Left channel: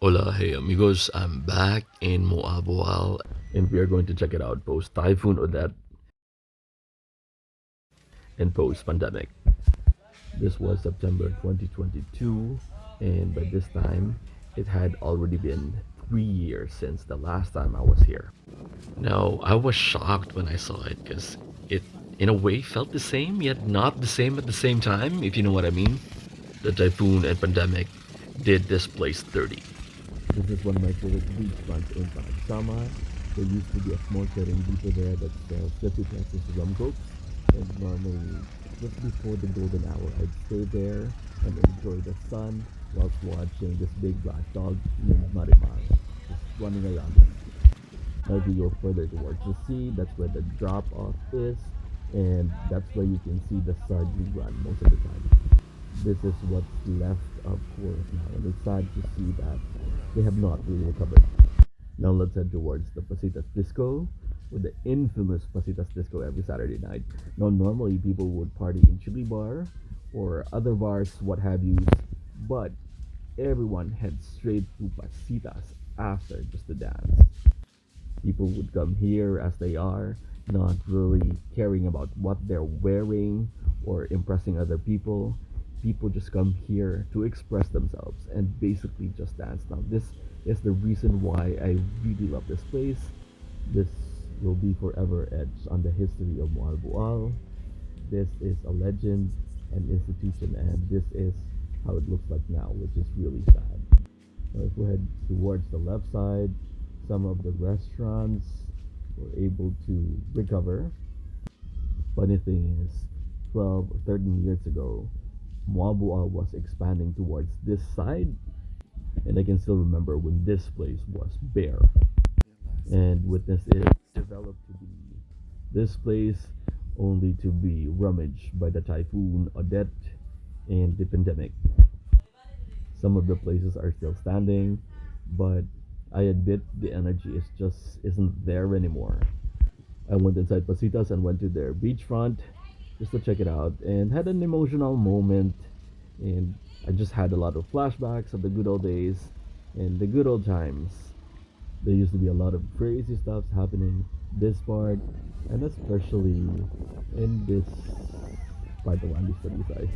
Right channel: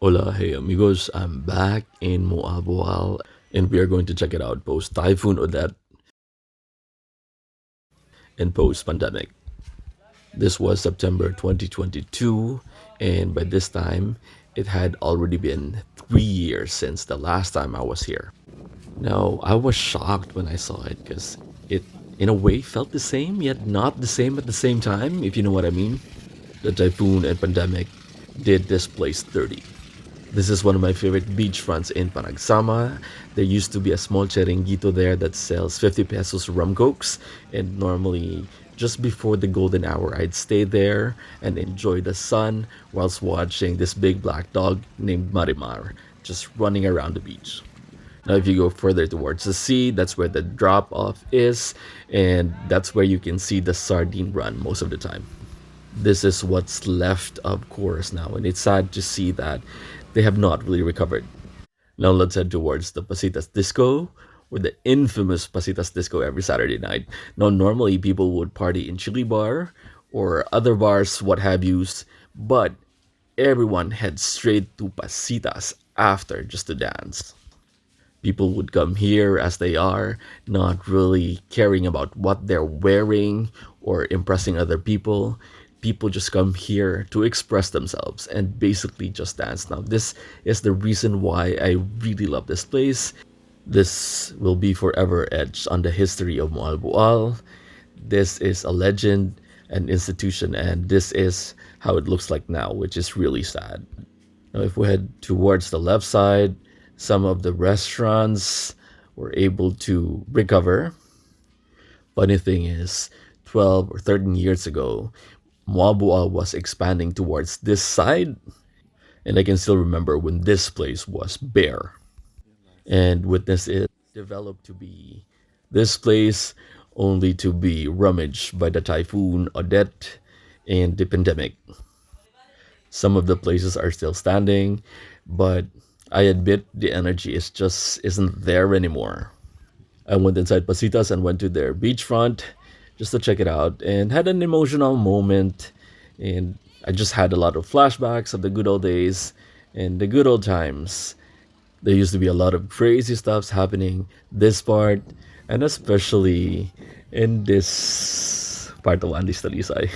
Hola, hey amigos, I'm back in Moalboal and we are going to check it out post Typhoon Odette and post pandemic. This was September 2022, and by this time, it had already been 3 years since the last time I was here. Now, I was shocked when I saw it because it, in a way, felt the same, yet not the same at the same time, if you know what I mean. The typhoon and pandemic did this place dirty. This is one of my favorite beachfronts in Panagsama. There used to be a small chiringuito there that sells 50 pesos rum cokes, and normally just before the golden hour, I'd stay there and enjoy the sun whilst watching this big black dog named Marimar just running around the beach. Now, if you go further towards the sea, that's where the drop off is, and that's where you can see the sardine run most of the time. This is what's left of course now, and it's sad to see that they have not really recovered. Now let's head towards the Pasitas Disco, or the infamous Pasitas Disco every Saturday night. Now normally people would party in Chili Bar or other bars, what have yous, but everyone heads straight to Pasitas after just to dance. People would come here as they are, not really caring about what they're wearing or impressing other people. People just come here to express themselves and basically just dance. Now, this is the reason why I really love this place. This will be forever etched on the history of Moalboal. This is a legend, an institution, and this is how it looks like now, which is really sad. Now, if we head towards the left side, some of the restaurants were able to recover. Funny thing is, 12 or 13 years ago, Moalboal was expanding towards this side, and I can still remember when this place was bare. And witness it developed to be this place only to be rummaged by the typhoon Odette and the pandemic. Some of the places are still standing, but I admit the energy is just isn't there anymore. I went inside Pasitas and went to their beachfront just to check it out and had an emotional moment, and I just had a lot of flashbacks of the good old days and the good old times. There used to be a lot of crazy stuffs happening this part, and especially in this part of Andes Talisay.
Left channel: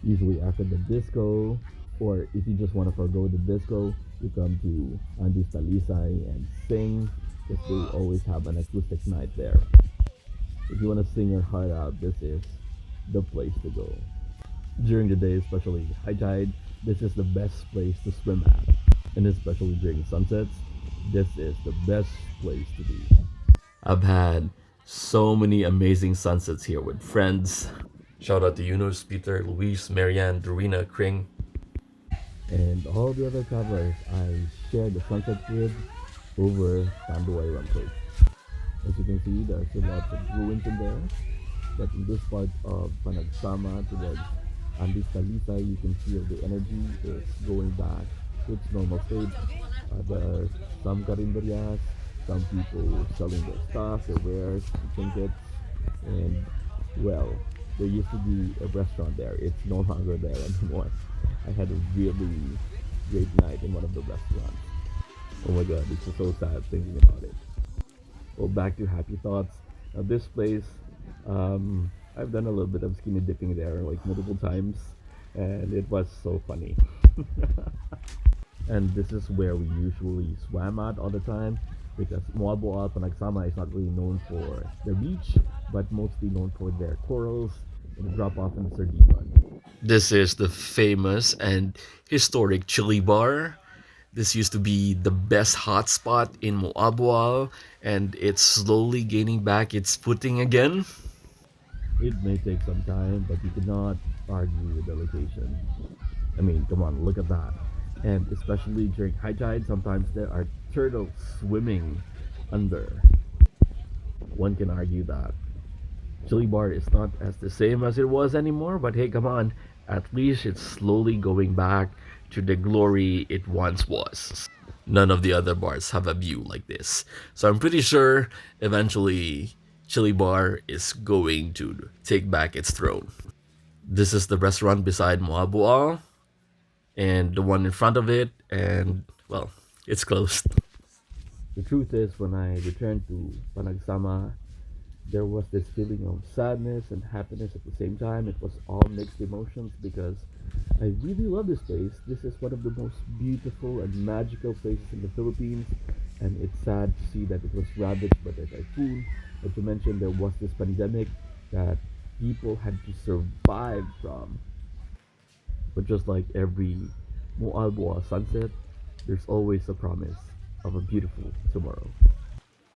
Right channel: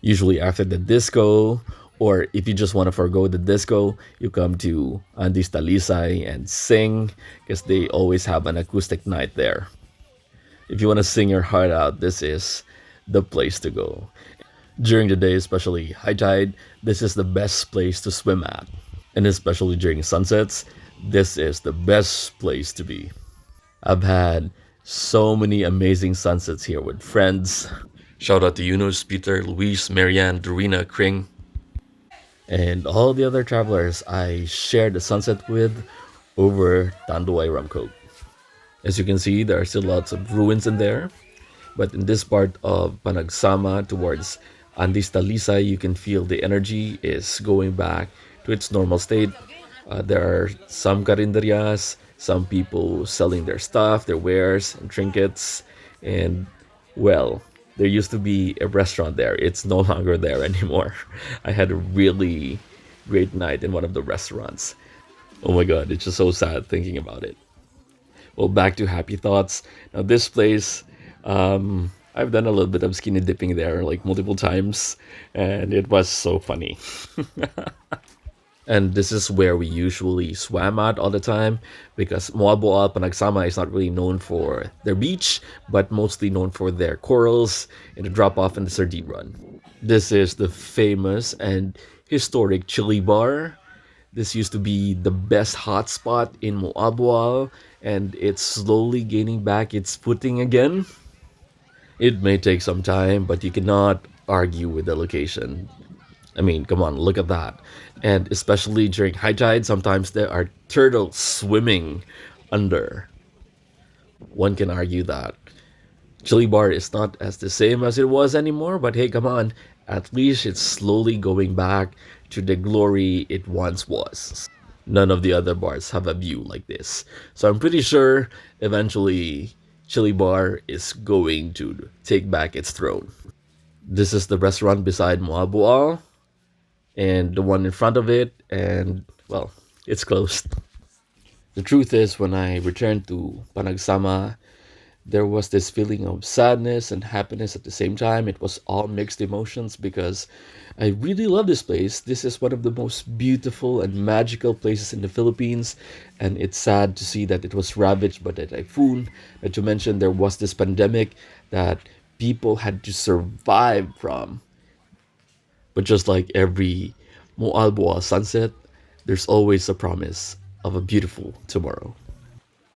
Usually after the disco, or if you just want to forego the disco, you come to Andes Talisay and sing because they always have an acoustic night there. If you want to sing your heart out, this is the place to go. During the day, especially high tide, this is the best place to swim at. And especially during sunsets, this is the best place to be. I've had so many amazing sunsets here with friends. Shout out to Yunus, Peter, Luis, Marianne, Dorina, Kring, and all the other travelers I shared the sunset with over Tanduay Ramco. As you can see, there are still lots of ruins in there, but in this part of Panagsama towards Andes Talisay, you can feel the energy is going back to its normal state. There are some carinderias, some people selling their stuff, their wares and trinkets, and well, there used to be a restaurant there. It's no longer there anymore. I had a really great night in one of the restaurants. Oh my god, it's just so sad thinking about it. Well, back to happy thoughts. Now, this place, I've done a little bit of skinny dipping there like multiple times, and it was so funny. And this is where we usually swam at all the time because Moalboal Panagsama is not really known for their beach, but mostly known for their corals and the drop off in the sardine run. This is the famous and historic chili bar. This used to be the best hotspot in Moalboal, and it's slowly gaining back its footing again. It may take some time, but you cannot argue with the location. I mean, come on, look at that. And especially during high tide, sometimes there are turtles swimming under. One can argue that Chili Bar is not as the same as it was anymore, but hey, come on. At least it's slowly going back to the glory it once was. None of the other bars have a view like this. So I'm pretty sure eventually Chili Bar is going to take back its throne. This is the restaurant beside Moalboal. and the one in front of it, and well, it's closed. The truth is, when I returned to Panagsama, there was this feeling of sadness and happiness at the same time. It was all mixed emotions because I really love this place. This is one of the most beautiful and magical places in the Philippines, and it's sad to see that it was ravaged by the typhoon. Not to mention, there was this pandemic that people had to survive from. But just like every Moalboal sunset, there's always a promise of a beautiful tomorrow.